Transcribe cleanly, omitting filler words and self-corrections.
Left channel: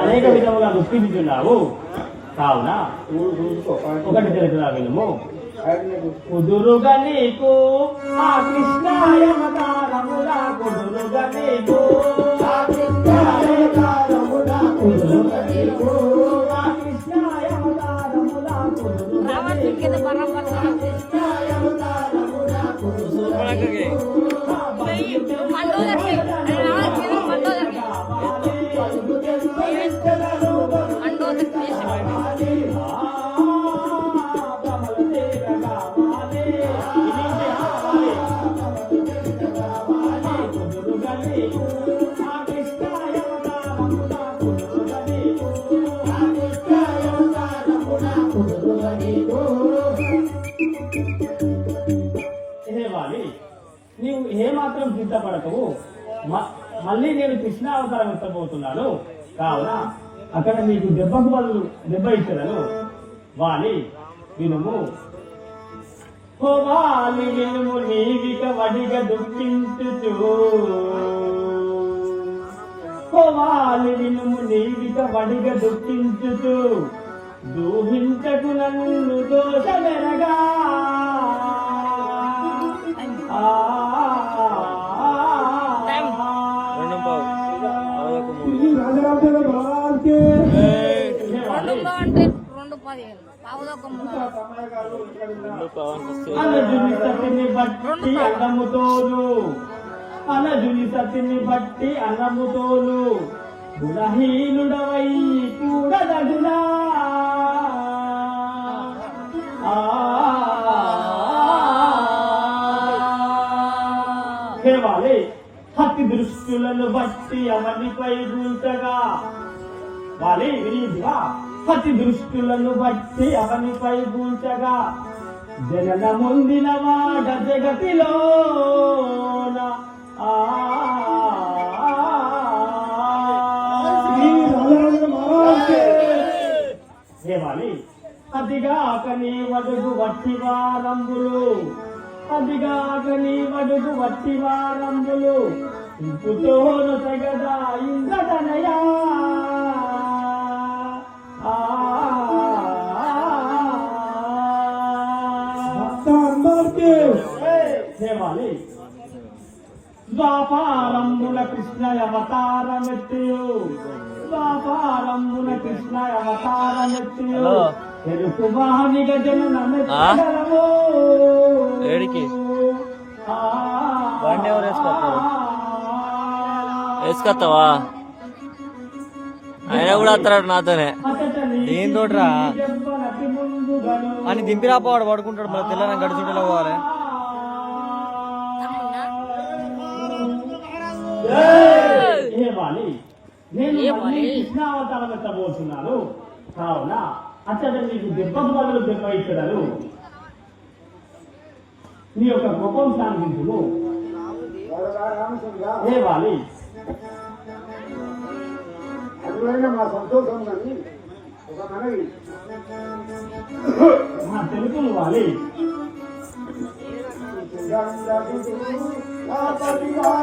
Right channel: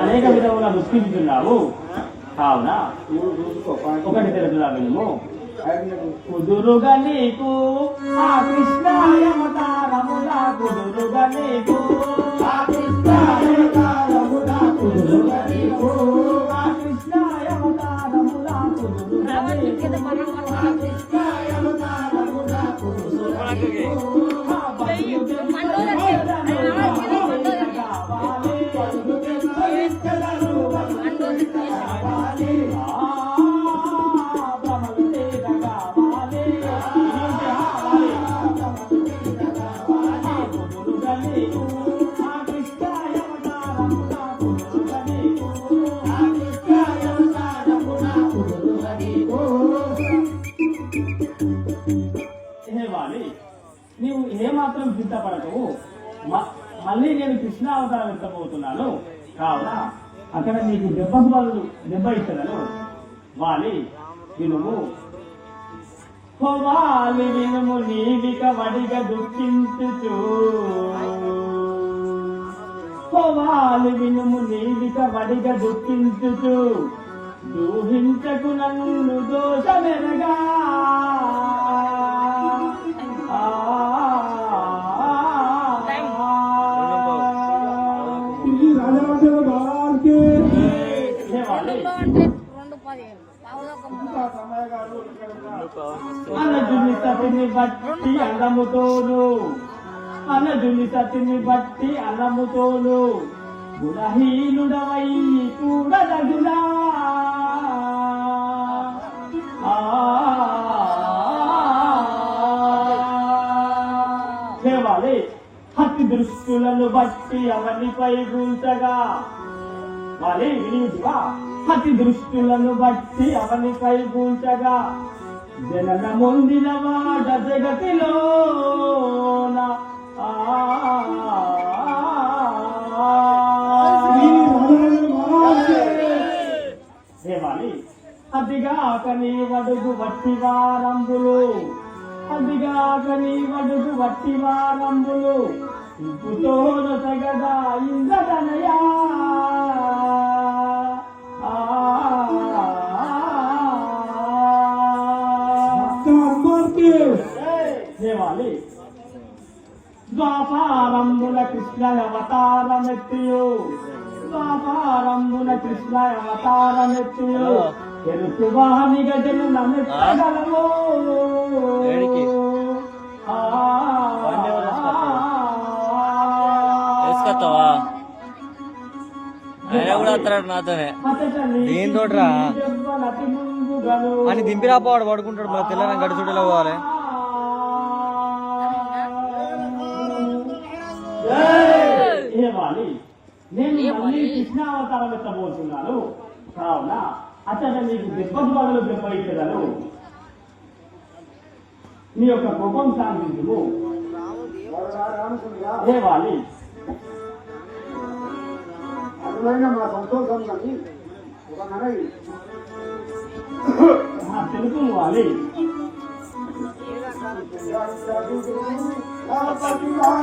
అనేక విధముగా దుష్కరిస్తున్నావు. కావున ఒకటి తెలుసునా వినుము. కుదురుగా నీకు ఆ కృష్ణాయవతారములా కుదురుగా నీకు ఆ కృష్ణాయవతారములా కుదురుగా నీకు ఆ కృష్ణాయవతారములా కుదురుగా నీకు కృష్ణాయవతారములా కుదురుగా నీకు నీవు ఏమాత్రం చింతపడటవు. మళ్ళీ నేను కృష్ణావతారం ఎత్తబోతున్నాను. కావున అక్కడ నీకు దెబ్బ ఇచ్చదను. వాలి వినుము. వాలి వినుము నీవిక వడిగ దుఃఖించుచు. వాలి వినుము నీవిక వడిగ దుఃఖించుచు. దూహించకు నన్ను దోషమెరగా అనజుని సతిని బట్టి అన్నముతోను అనజుని సతిని బట్టి అన్నముతోను గుణహీనుడవై కూడదగునా సేవాలి హత్తి దృష్టులను బట్టి అవనిపై గుంటగా వాలి వినియుడిగా హతి దృష్టులను బట్టి అవనిపై గుంటగా జనన ముందిన వాడ జగతిలో సేవాలి అదిగాక నీ వడుగు వట్టి వారంబులు అదిగాక నీ వడుగు వట్టి వారంబులు ఇంపుతోను తగదా ఇంద్రనయా ద్వాపారంబుల కృష్ణ అవతారమెత్తియు ద్వాపారంబుల కృష్ణ అవతారమెత్తియు తెలుసు వాణి గజను నమ్మెత్తగలము వేసుకొస్తావా ఆయన కూడా వస్తాడు నాతోనే దీంతో అని దింపిరాపోవాడు పడుకుంటాడు. మళ్ళీ తెల్లని గడుచుంటేలా పోవాలి. కృష్ణావతారం ఎత్తబోతున్నాను. కావున అతడు నీకు దెబ్బ ఇచ్చదను. నీ యొక్క కోపం శాంతించును. ఏ వాలి మా సంతోషం కానీ తెలుపు వాలి